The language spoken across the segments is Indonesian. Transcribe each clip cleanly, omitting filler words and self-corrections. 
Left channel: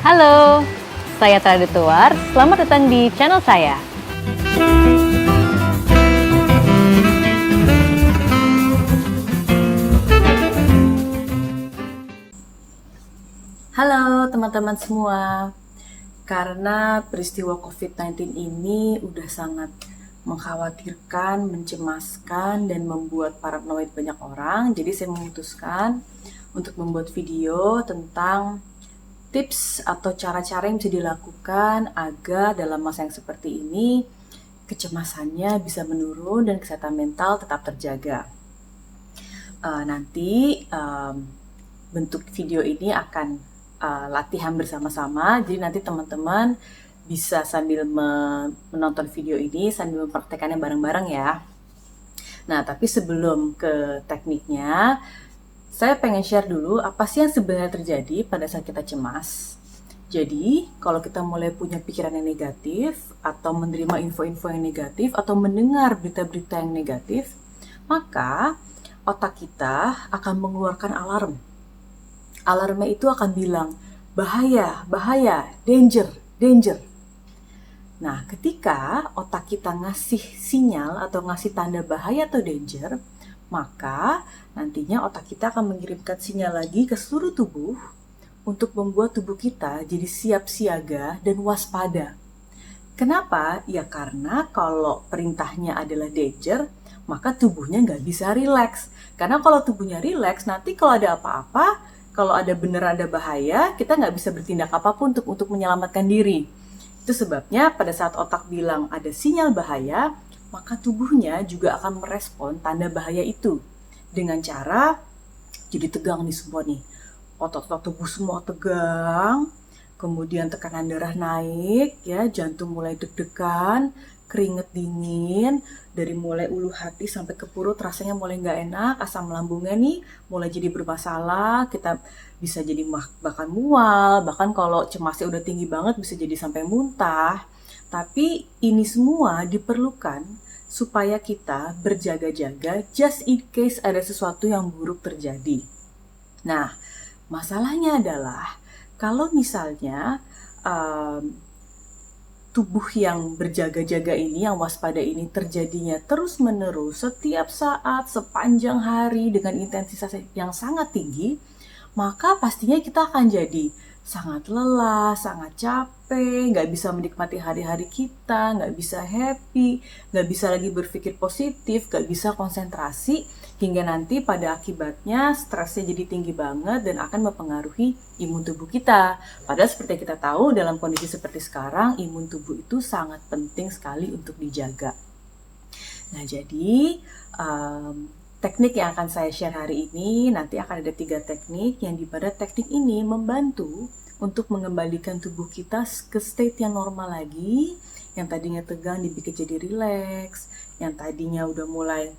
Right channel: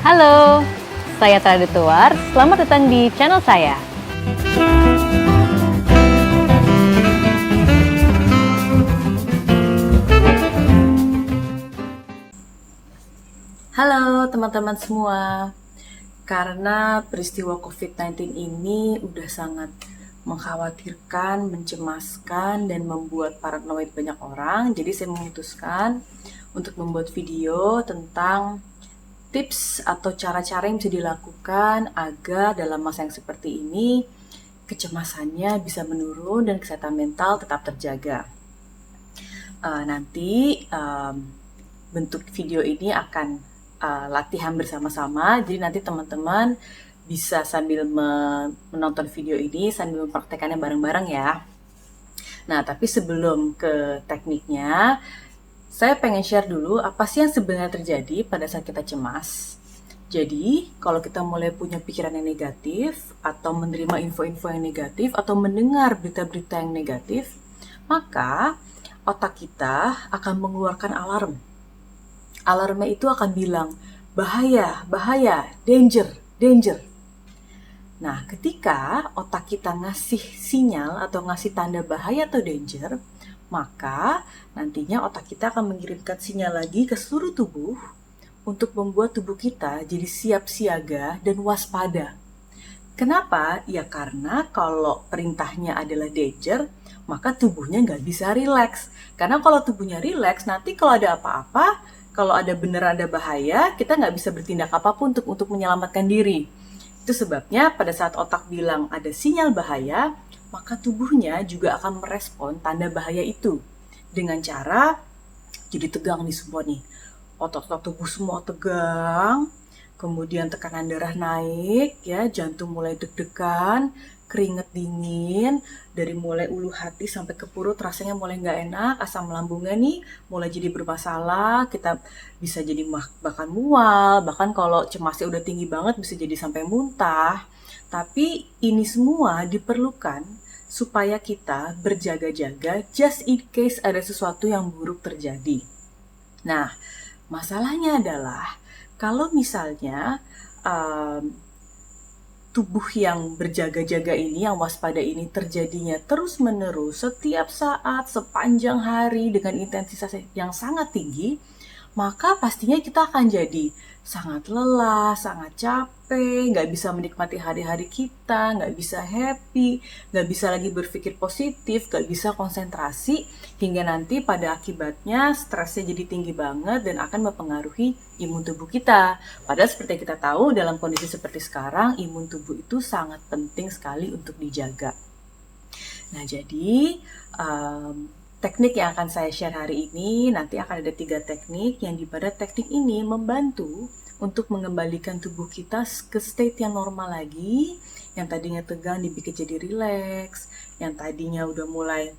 Halo, saya Tara Detuar. Selamat datang di channel saya. Halo teman-teman semua, karena peristiwa COVID-19 ini udah sangat mengkhawatirkan, mencemaskan, dan membuat paranoid banyak orang, jadi saya memutuskan untuk membuat video tentang tips atau cara-cara yang bisa dilakukan agar dalam masa yang seperti ini kecemasannya bisa menurun dan kesehatan mental tetap terjaga. Nanti bentuk video ini akan latihan bersama-sama, jadi nanti teman-teman bisa sambil menonton video ini sambil mempraktekannya bareng-bareng ya. Nah, tapi sebelum ke tekniknya, saya pengen share dulu apa sih yang sebenarnya terjadi pada saat kita cemas. Jadi, kalau kita mulai punya pikiran yang negatif, atau menerima info-info yang negatif, atau mendengar berita-berita yang negatif, maka otak kita akan mengeluarkan alarm. Alarmnya itu akan bilang, bahaya, bahaya, danger, danger. Nah, ketika otak kita ngasih sinyal atau ngasih tanda bahaya atau danger, maka nantinya otak kita akan mengirimkan sinyal lagi ke seluruh tubuh untuk membuat tubuh kita jadi siap siaga dan waspada. Kenapa? Ya karena kalau perintahnya adalah danger, maka tubuhnya nggak bisa rileks. Karena kalau tubuhnya rileks, nanti kalau ada apa-apa, kalau ada beneran ada bahaya, kita nggak bisa bertindak apapun untuk menyelamatkan diri. Itu sebabnya pada saat otak bilang ada sinyal bahaya, maka tubuhnya juga akan merespon tanda bahaya itu dengan cara jadi tegang nih semua nih. Otot-otot tubuh semua tegang, kemudian tekanan darah naik, ya, jantung mulai deg-degan, keringet dingin, dari mulai ulu hati sampai ke perut rasanya mulai nggak enak, asam lambungnya nih mulai jadi bermasalah, kita bisa jadi bahkan mual, bahkan kalau cemasnya udah tinggi banget bisa jadi sampai muntah. Tapi ini semua diperlukan supaya kita berjaga-jaga just in case ada sesuatu yang buruk terjadi. Nah, masalahnya adalah kalau misalnya um, tubuh yang berjaga-jaga ini, yang waspada ini terjadinya terus-menerus setiap saat sepanjang hari dengan intensitas yang sangat tinggi, maka pastinya kita akan jadi sangat lelah, sangat capek, nggak bisa menikmati hari-hari kita, nggak bisa happy, nggak bisa lagi berpikir positif, nggak bisa konsentrasi, hingga nanti pada akibatnya stresnya jadi tinggi banget dan akan mempengaruhi imun tubuh kita. Padahal seperti yang kita tahu, dalam kondisi seperti sekarang, imun tubuh itu sangat penting sekali untuk dijaga. Nah, jadi teknik yang akan saya share hari ini, nanti akan ada 3 teknik yang dimana teknik ini membantu untuk mengembalikan tubuh kita ke state yang normal lagi, yang tadinya tegang dibikin jadi rileks, yang tadinya udah mulai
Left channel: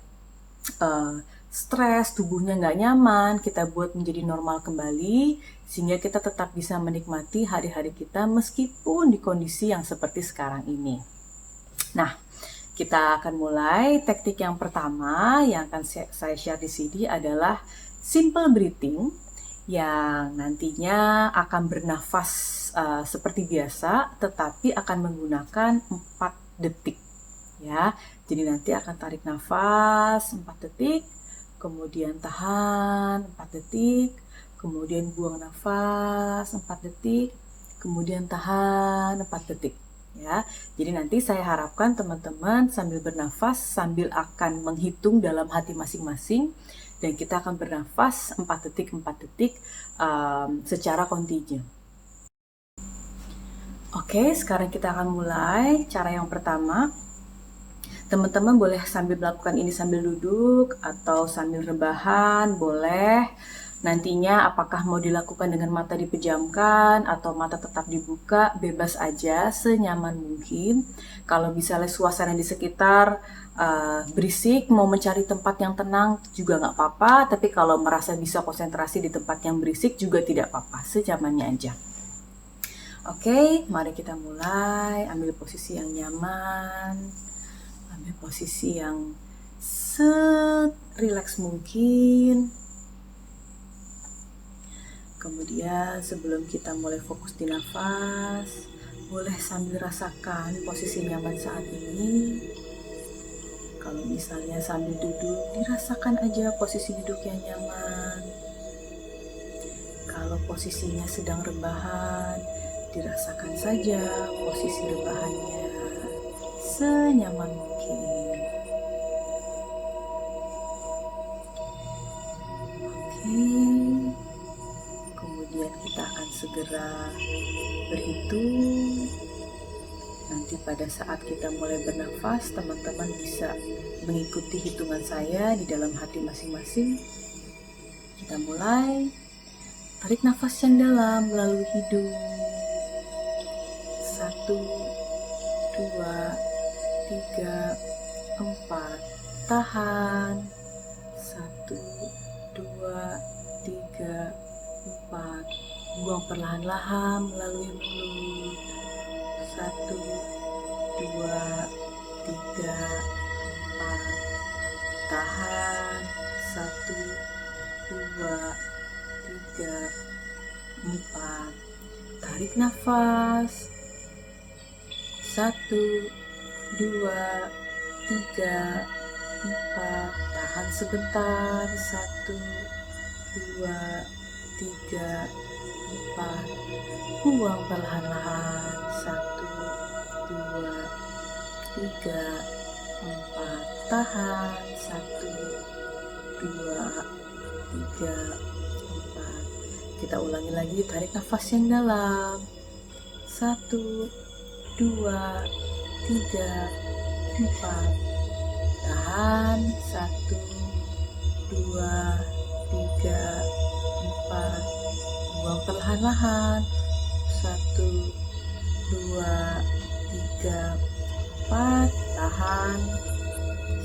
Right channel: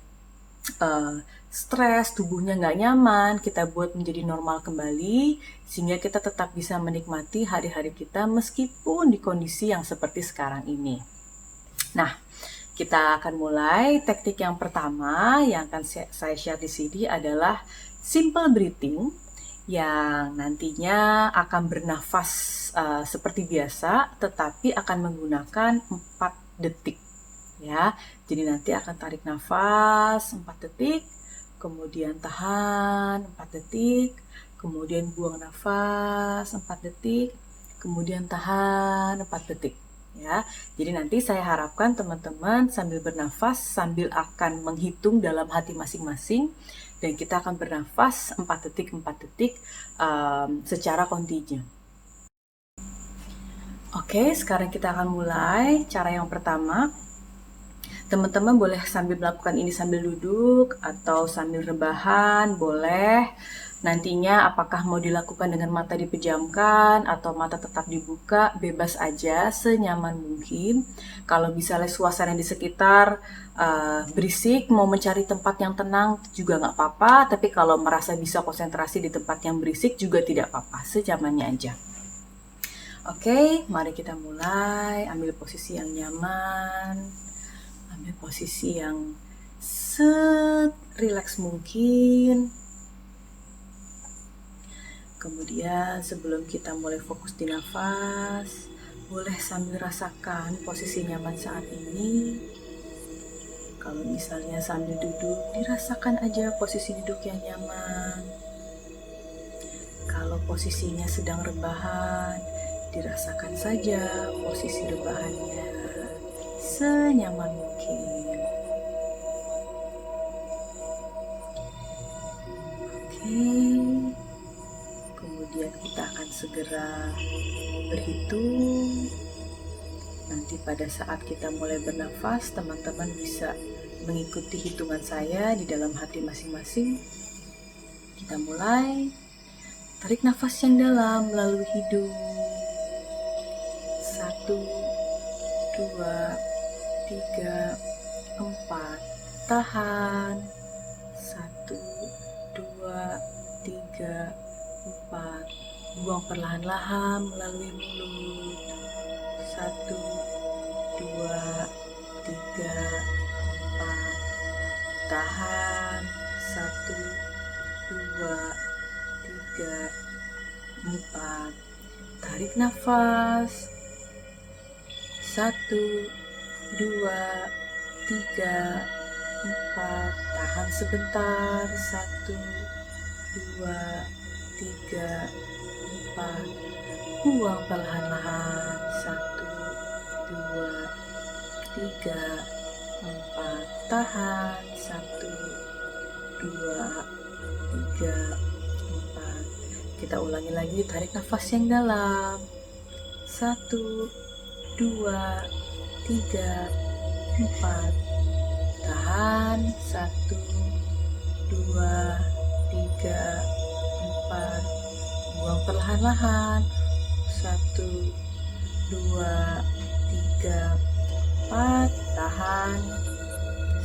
stres, tubuhnya nggak nyaman, kita buat menjadi normal kembali, sehingga kita tetap bisa menikmati hari-hari kita meskipun di kondisi yang seperti sekarang ini. Nah, kita akan mulai. Teknik yang pertama yang akan saya share di sini adalah simple breathing yang nantinya akan bernafas seperti biasa, tetapi akan menggunakan 4 detik. Ya, jadi nanti akan tarik nafas 4 detik, kemudian tahan 4 detik, kemudian buang nafas 4 detik, kemudian tahan 4 detik. Ya, jadi nanti saya harapkan teman-teman sambil bernafas, sambil akan menghitung dalam hati masing-masing, dan kita akan bernafas 4 detik, 4 detik secara kontinu. Oke, sekarang kita akan mulai. Cara yang pertama, teman-teman boleh sambil melakukan ini sambil duduk atau sambil rebahan, boleh. Nantinya apakah mau dilakukan dengan mata dipejamkan atau mata tetap dibuka, bebas aja, senyaman mungkin. Kalau misalnya suasana di sekitar berisik, mau mencari tempat yang tenang juga nggak apa-apa. Tapi kalau merasa bisa konsentrasi di tempat yang berisik juga tidak apa-apa, senyamannya aja. Oke, mari kita mulai. Ambil posisi yang nyaman. Ambil posisi yang rileks mungkin. Kemudian sebelum kita mulai fokus di nafas, boleh sambil rasakan posisi nyaman saat ini. Kalau misalnya sambil duduk, dirasakan aja posisi duduk yang nyaman. Kalau posisinya sedang rebahan, dirasakan saja posisi rebahannya senyaman mungkin. Oke, kemudian kita akan segera berhitung. Nanti pada saat kita mulai bernafas, teman-teman bisa mengikuti hitungan saya di dalam hati masing-masing. Kita mulai. Tarik nafas yang dalam melalui hidung. 1, 2, 3, 4. Tahan. 1, 2, 3, 4. Buang perlahan-lahan melalui mulut. 1, 2, 3, 4. Tahan. 1, 2, 3, 4. Tarik nafas. 1, 2, 3, 4. Tahan sebentar. 1, 2, 3, 4. Buang perlahan-lahan. 1, 2, 3, 4. Tahan. 1, 2, 3, 4. Kita ulangi lagi, tarik nafas yang dalam. 1, 2, 3, 4. Tahan. 1, 2, 3, 4. Buang perlahan-lahan. 1, 2, 3, 4. Tahan.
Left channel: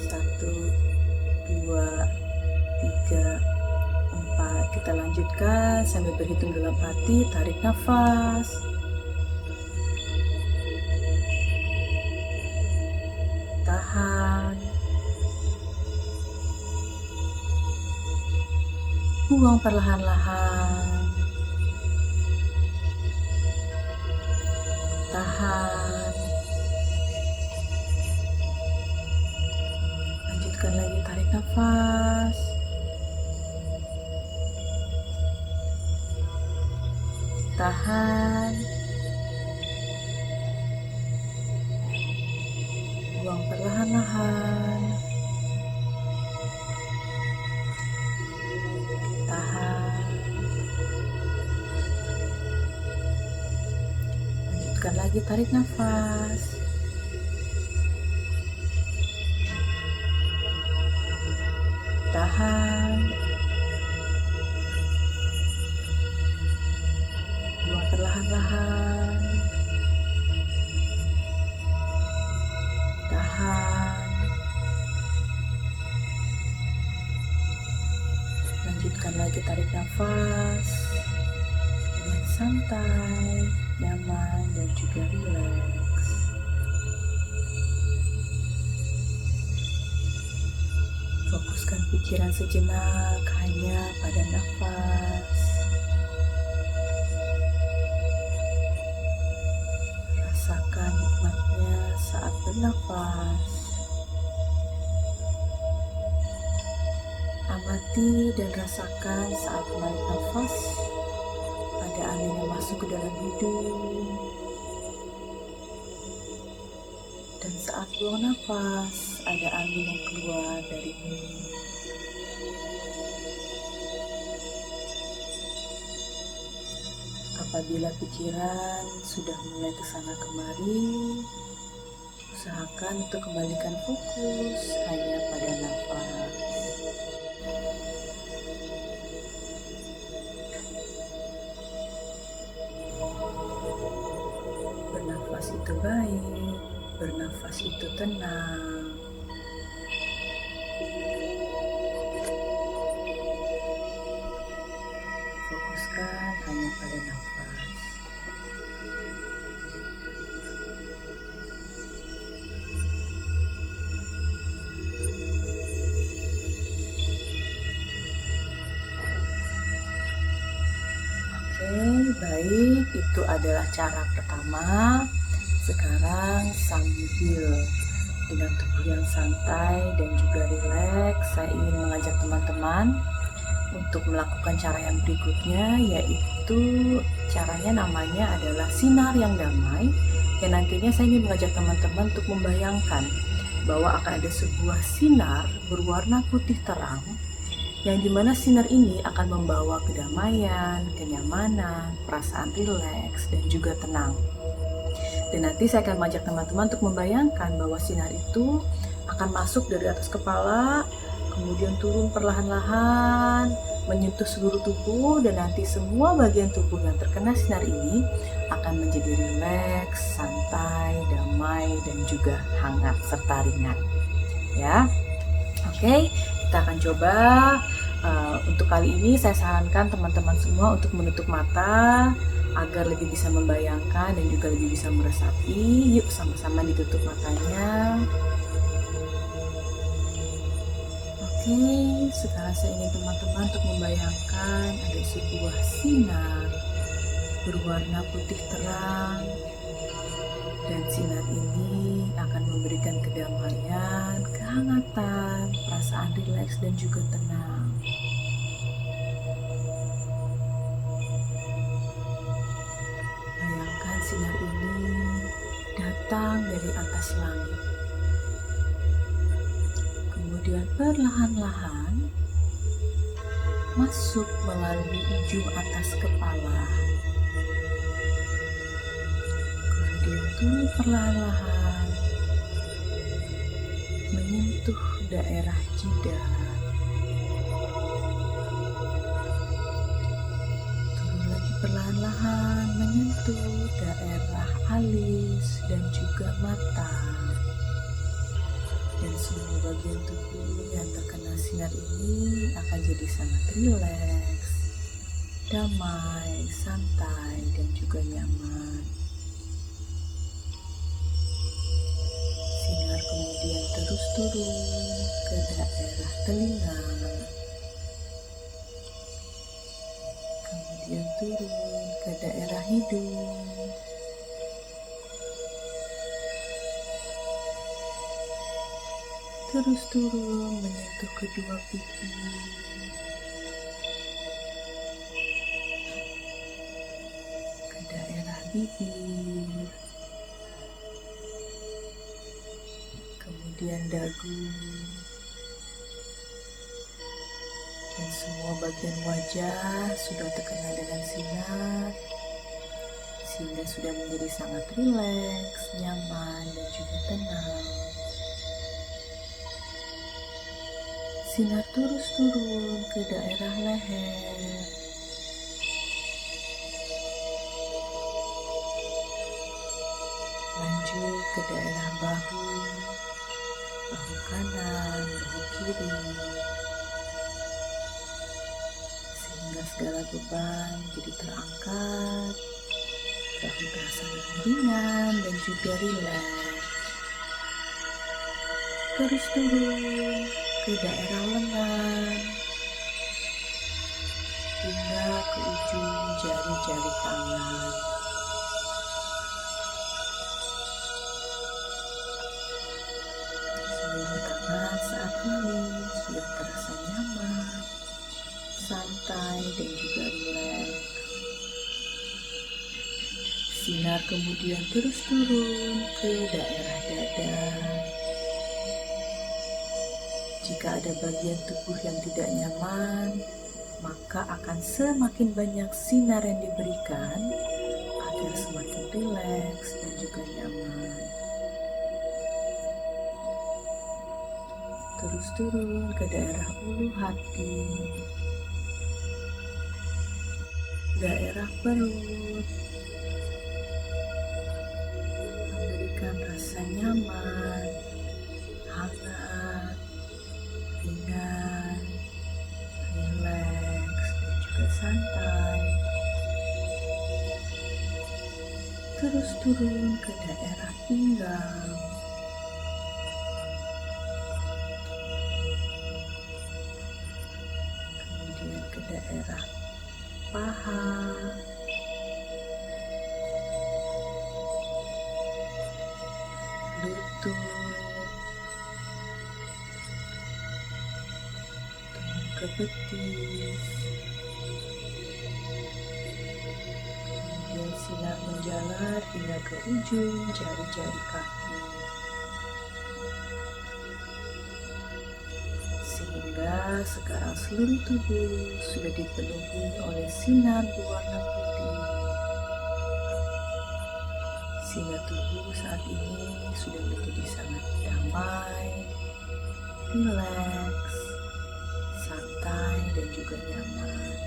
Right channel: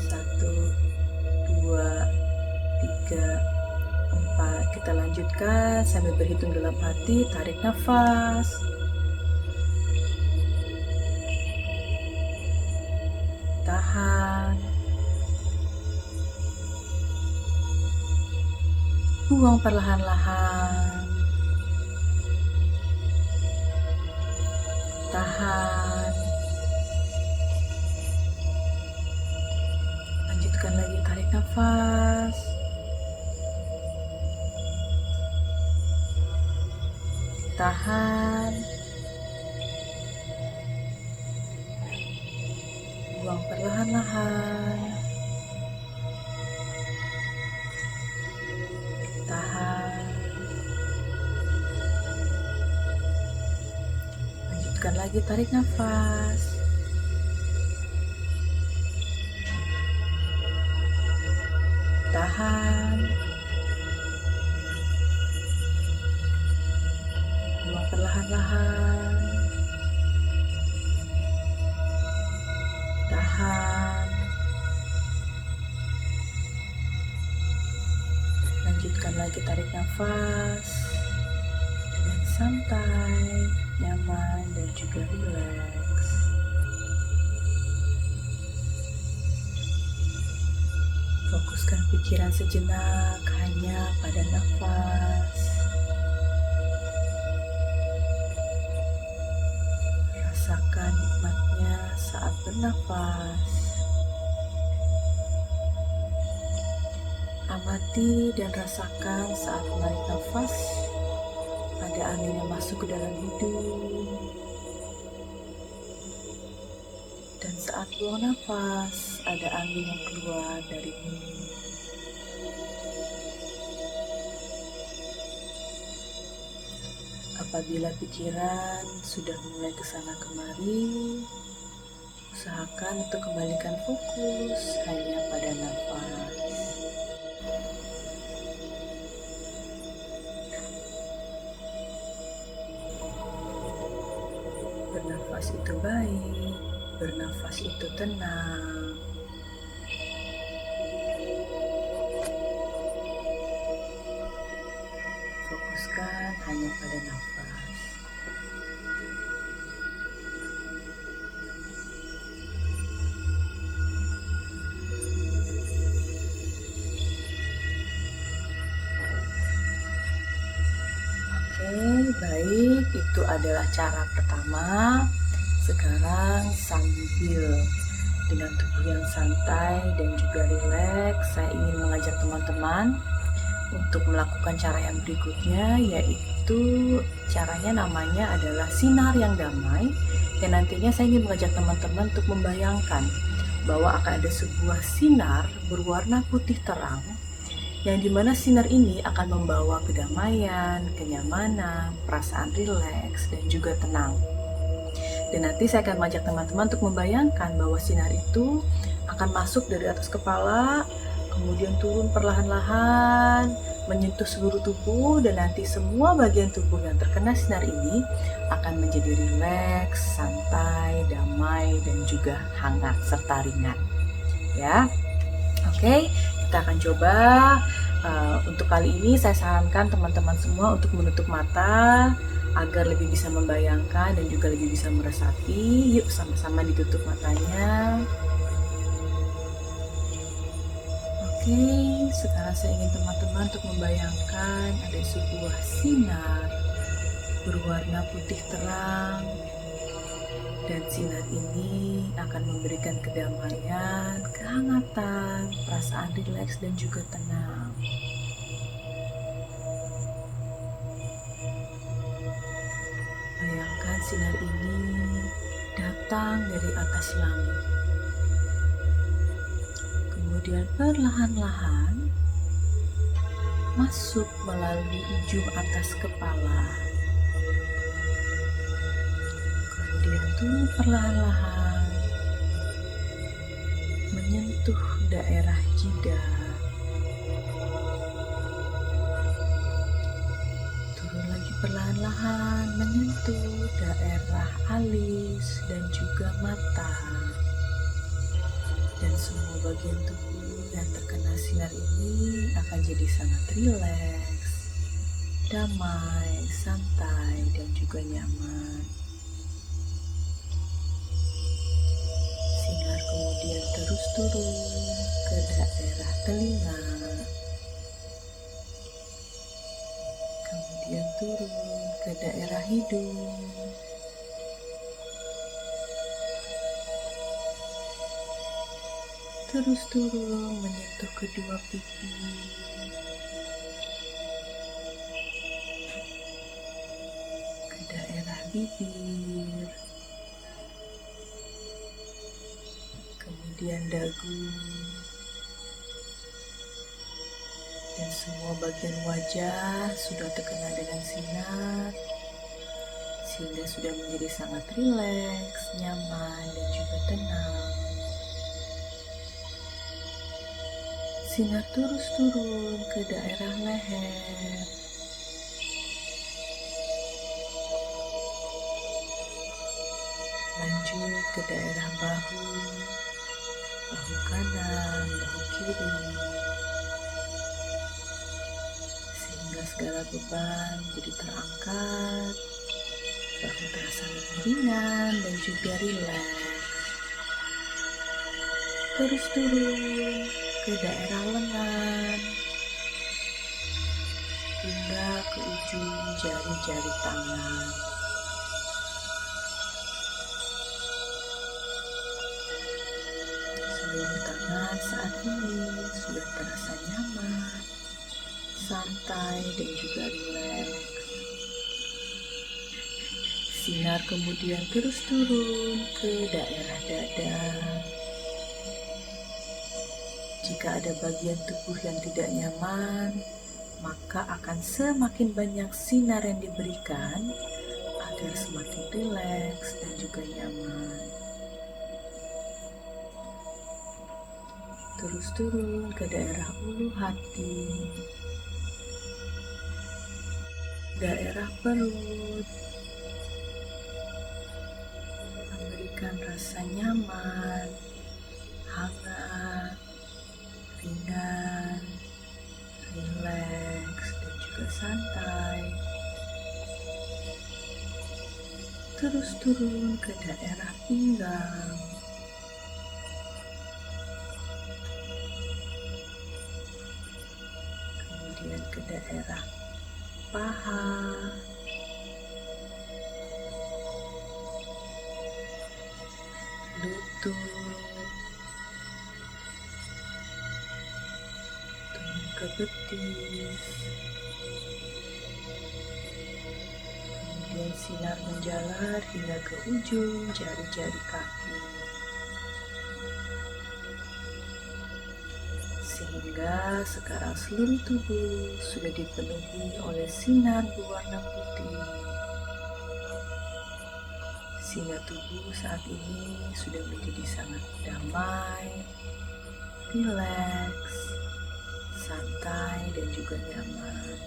1, 2, 3, 4. Kita lanjutkan sambil berhitung dalam hati. Tarik nafas. Tahan. Buang perlahan-lahan. Tahan. Lanjutkan lagi, tarik nafas. Tahan. Buang perlahan-lahan. Tahan. Lanjutkan lagi, tarik nafas. Tahan. Buang perlahan-lahan. Tahan. Lanjutkan lagi, tarik nafas dengan santai, nyaman, dan juga rileks. Fokuskan pikiran sejenak hanya pada nafas. Rasakan nikmatnya saat bernafas. Amati dan rasakan saat menarik nafas, ada angin yang masuk ke dalam hidung. Dan saat buang nafas, ada angin yang keluar dari mulut. Apabila pikiran sudah mulai kesana kemari, usahakan untuk kembalikan fokus hanya pada nafas. Bernafas itu baik, bernafas itu tenang. Fokuskan hanya pada nafas. adalah cara pertama. Sekarang sambil dengan tubuh yang santai dan juga rileks, saya ingin mengajak teman-teman untuk melakukan cara yang berikutnya, yaitu caranya namanya adalah sinar yang damai. Dan nantinya saya ingin mengajak teman-teman untuk membayangkan bahwa akan ada sebuah sinar berwarna putih terang, yang dimana sinar ini akan membawa kedamaian, kenyamanan, perasaan rileks, dan juga tenang. Dan nanti saya akan mengajak teman-teman untuk membayangkan bahwa sinar itu akan masuk dari atas kepala, kemudian turun perlahan-lahan, menyentuh seluruh tubuh, dan nanti semua bagian tubuh yang terkena sinar ini akan menjadi rileks, santai, damai, dan juga hangat serta ringan. Ya, oke, kita akan coba. Untuk kali ini saya sarankan teman-teman semua untuk menutup mata agar lebih bisa membayangkan dan juga lebih bisa meresapi. Yuk sama-sama ditutup matanya. Oke, sekarang saya ingin teman-teman untuk membayangkan ada sebuah sinar berwarna putih terang, dan sinar ini akan memberikan kedamaian, kehangatan, perasaan rileks, dan juga tenang. Bayangkan sinar ini datang dari atas langit, kemudian perlahan-lahan masuk melalui ujung atas kepala, kemudian turun perlahan-lahan menyentuh daerah jidat, turun lagi perlahan-lahan menyentuh daerah alis dan juga mata. Dan semua bagian tubuh yang terkena sinar ini akan jadi sangat rileks, damai, santai, dan juga nyaman. Sinar kemudian terus turun ke daerah telinga, kemudian turun ke daerah hidung, terus turun menyentuh kedua pipi, ke daerah bibir, kemudian dagu, dan semua bagian wajah sudah terkena dengan sinar, sehingga sudah menjadi sangat rileks, nyaman, dan juga tenang. Sinar terus turun ke daerah leher, lanjut ke daerah bahu, bahu kanan, bahu kiri, sehingga segala beban jadi terangkat, bahu terasa lebih ringan dan juga rileks. Terus turun ke daerah lengan hingga ke ujung jari-jari tangan. Seluruh tangan saat ini sudah terasa nyaman, santai, dan juga rileks. Sinar kemudian terus turun ke daerah dada. Jika ada bagian tubuh yang tidak nyaman, maka akan semakin banyak sinar yang diberikan agar semakin rileks dan juga nyaman. Terus turun ke daerah ulu hati, daerah perut, memberikan rasa nyaman, hangat, ringan, rileks, dan juga santai. Terus turun ke daerah pinggang, kemudian ke daerah paha, lutut, turun ke betis, kemudian sinar menjalar hingga ke ujung jari-jari kaki, sehingga sekarang seluruh tubuh sudah dipenuhi oleh sinar berwarna putih, sehingga tubuh saat ini sudah menjadi sangat damai, rileks, santai, dan juga nyaman.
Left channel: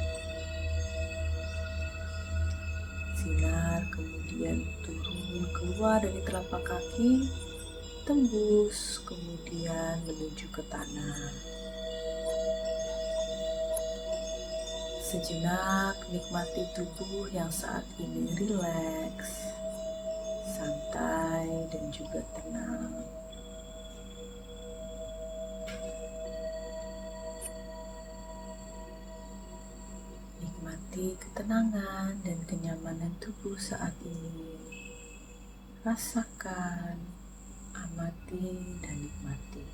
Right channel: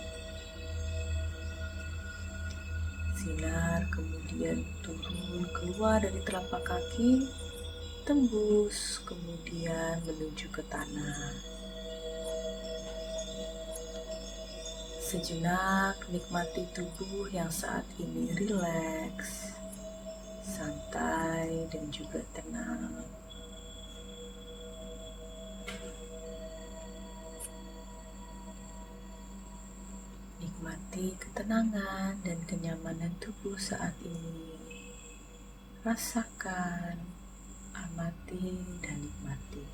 Sinar kemudian turun keluar dari telapak kaki, tembus, kemudian menuju ke tanah. Sejenak nikmati tubuh yang saat ini rileks, santai, dan juga tenang. Nikmati ketenangan dan kenyamanan tubuh saat ini. Rasakan, amati, dan nikmati.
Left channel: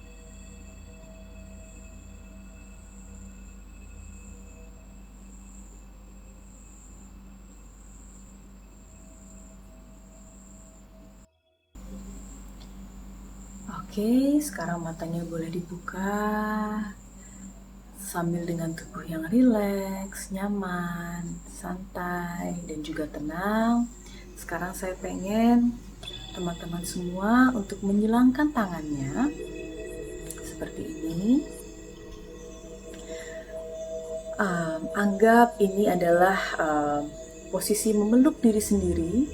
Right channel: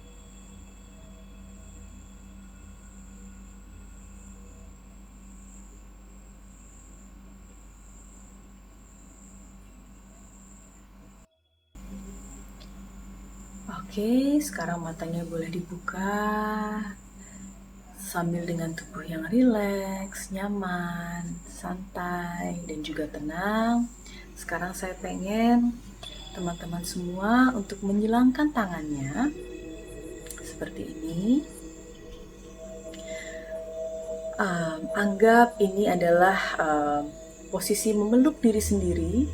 Oke, sekarang matanya boleh dibuka sambil dengan tubuh yang rileks, nyaman, santai, dan juga tenang. Sekarang saya pengen teman-teman semua untuk menyilangkan tangannya seperti ini. Anggap ini adalah posisi memeluk diri sendiri,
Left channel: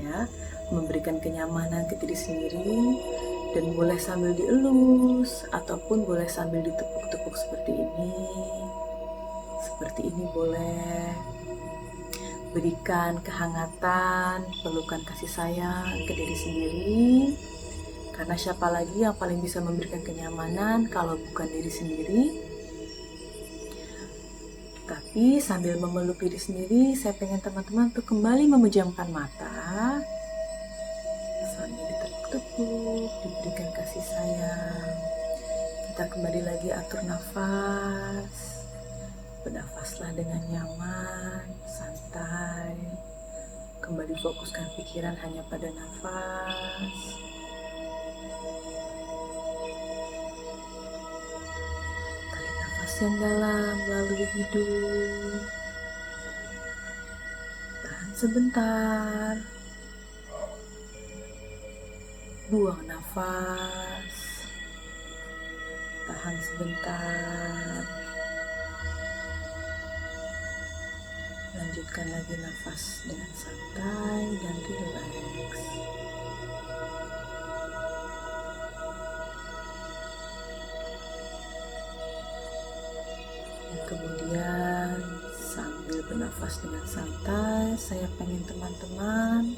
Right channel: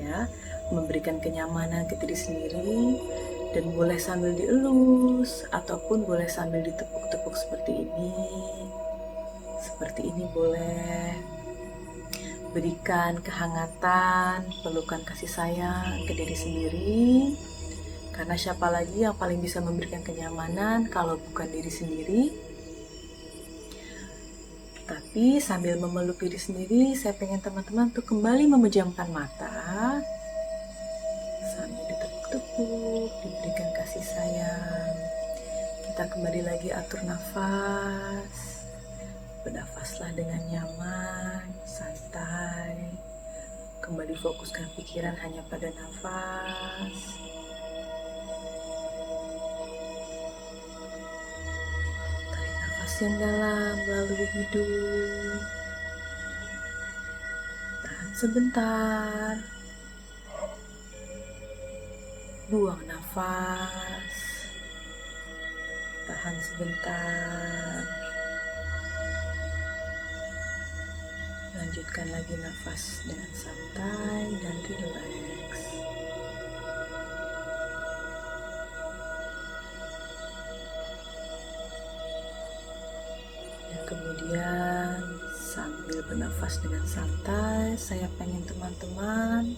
ya, memberikan kenyamanan ke diri sendiri. Dan boleh sambil dielus ataupun boleh sambil ditepuk-tepuk seperti ini. Seperti ini boleh. Berikan kehangatan, pelukan kasih sayang ke diri sendiri. Karena siapa lagi yang paling bisa memberikan kenyamanan kalau bukan diri sendiri? Tapi sambil memeluk diri sendiri, saya pengen teman-teman tuh kembali memejamkan mata. Tepuk, diberikan kasih sayang. Kita kembali lagi atur nafas. Bernafaslah dengan nyaman, santai. Kembali fokuskan pikiran hanya pada nafas. Tarik nafas yang dalam melalui hidung. Tahan sebentar. Buang nafas, tahan sebentar, lanjutkan lagi nafas dengan santai dan rileks. Dan kemudian sambil bernafas dengan santai, saya pengen teman-teman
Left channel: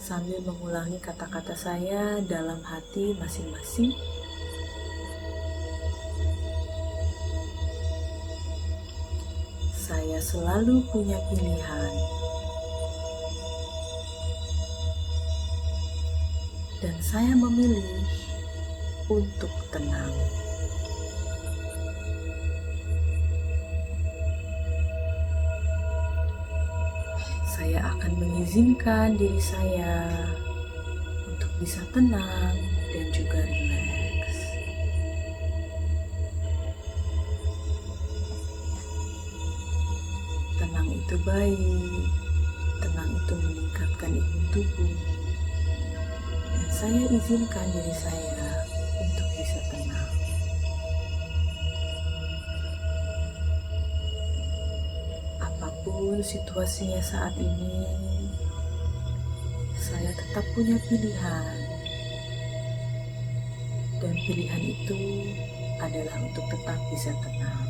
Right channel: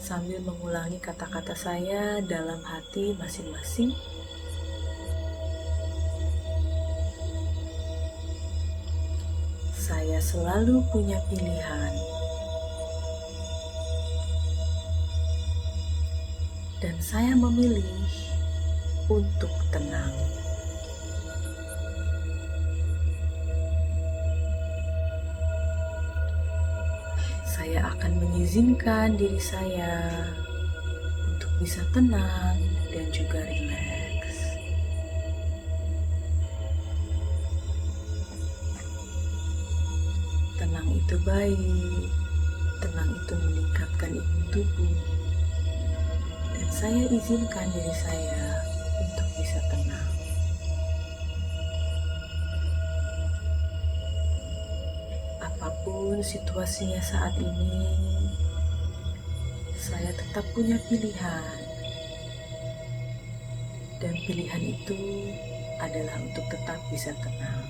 sambil mengulangi kata-kata saya dalam hati masing-masing. Saya selalu punya pilihan. Dan saya memilih untuk tenang. Saya akan mengizinkan diri saya untuk bisa tenang dan juga rileks. Tenang itu baik, tenang itu meningkatkan imun tubuh, dan saya izinkan diri saya untuk bisa tenang. Apapun situasinya saat ini, saya tetap punya pilihan. Dan pilihan itu adalah untuk tetap bisa tenang.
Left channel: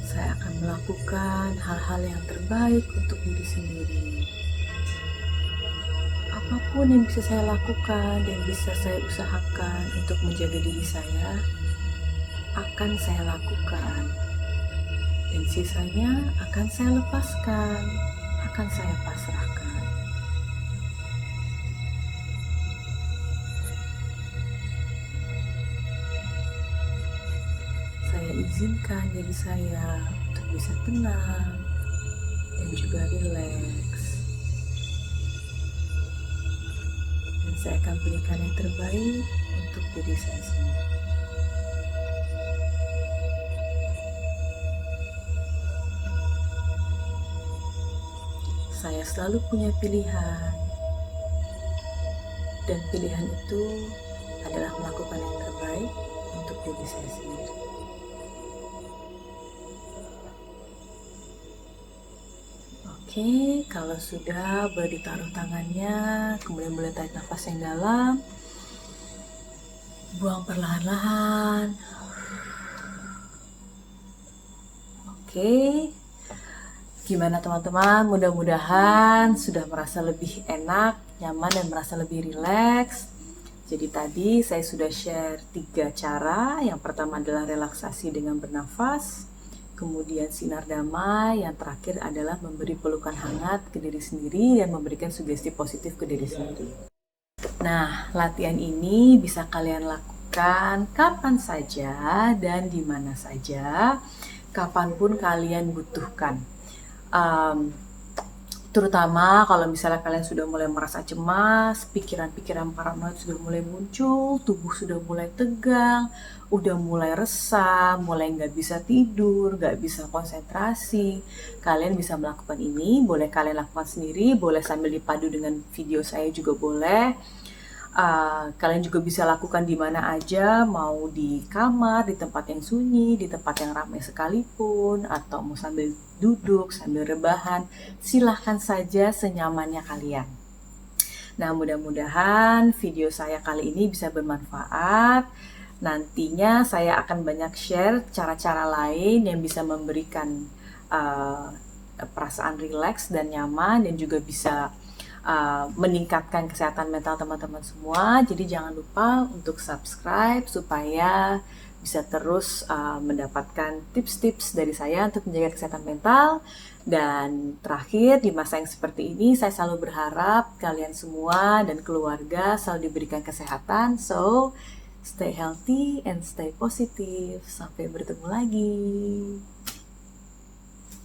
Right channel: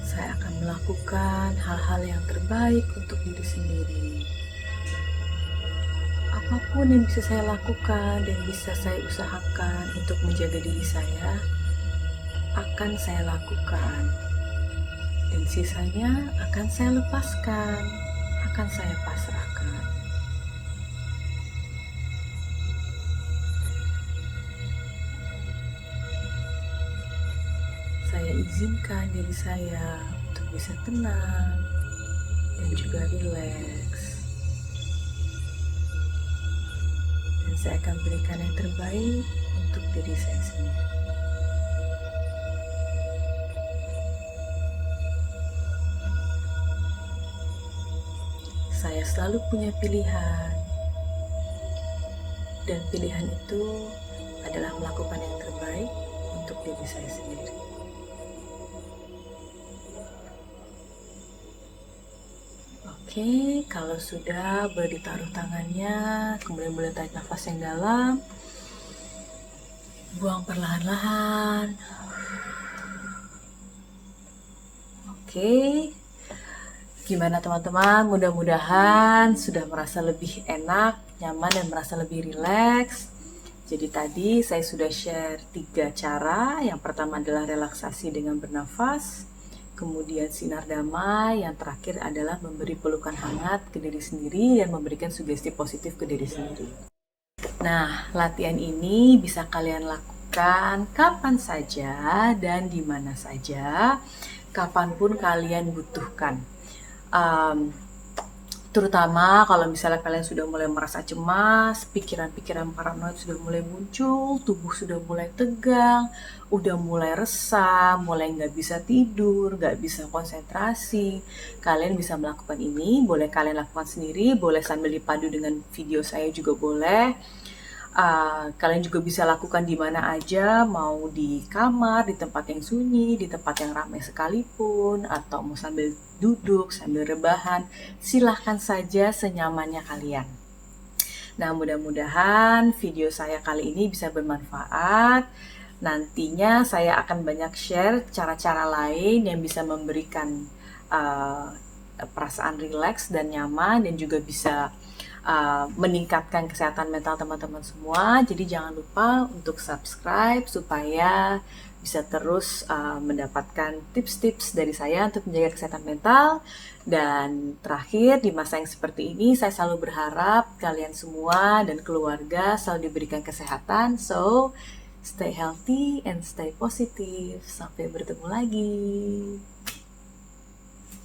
Saya akan melakukan hal-hal yang terbaik untuk diri sendiri. Apapun yang bisa saya lakukan dan bisa saya usahakan untuk menjaga diri saya, akan saya lakukan. Dan sisanya akan saya lepaskan, akan saya pasrahkan. Saya izinkan diri saya untuk bisa tenang dan juga rileks. Dan saya akan berikan yang terbaik untuk diri saya sendiri. Saya selalu punya pilihan, dan pilihan itu adalah melakukan yang terbaik untuk diri saya sendiri. Oke, kalau sudah boleh ditaruh tangannya, kemudian boleh tarik nafas yang dalam, buang perlahan-lahan. Oke, gimana teman-teman? Mudah-mudahan sudah merasa lebih enak, nyaman, dan merasa lebih rileks. Jadi tadi saya sudah share 3 cara. Yang pertama adalah relaksasi dengan bernafas, kemudian sinar damai, yang terakhir adalah memberi pelukan hangat ke diri sendiri dan memberikan sugesti positif ke diri sendiri. Nah, latihan ini bisa kalian lakukan kapan saja dan di mana saja, kapanpun kalian butuhkan. Terutama kalau misalnya kalian sudah mulai merasa cemas, pikiran-pikiran paranoid sudah mulai muncul, tubuh sudah mulai tegang, udah mulai resah, mulai nggak bisa tidur, nggak bisa konsentrasi. Kalian bisa melakukan ini, boleh kalian lakukan sendiri, boleh sambil dipadu dengan video saya juga boleh. Kalian juga bisa lakukan di mana aja, mau di kamar, di tempat yang sunyi, di tempat yang ramai sekalipun, atau mau sambil duduk, sambil rebahan, silahkan saja senyamannya kalian. Nah, mudah-mudahan video saya kali ini bisa bermanfaat. Nantinya saya akan banyak share cara-cara lain yang bisa memberikan perasaan rileks dan nyaman, dan juga bisa meningkatkan kesehatan mental teman-teman semua. Jadi jangan lupa untuk subscribe supaya bisa terus mendapatkan tips-tips dari saya untuk menjaga kesehatan mental. Dan terakhir, di masa yang seperti ini, saya selalu berharap kalian semua dan keluarga selalu diberikan kesehatan. So, stay healthy and stay positive. Sampai bertemu lagi.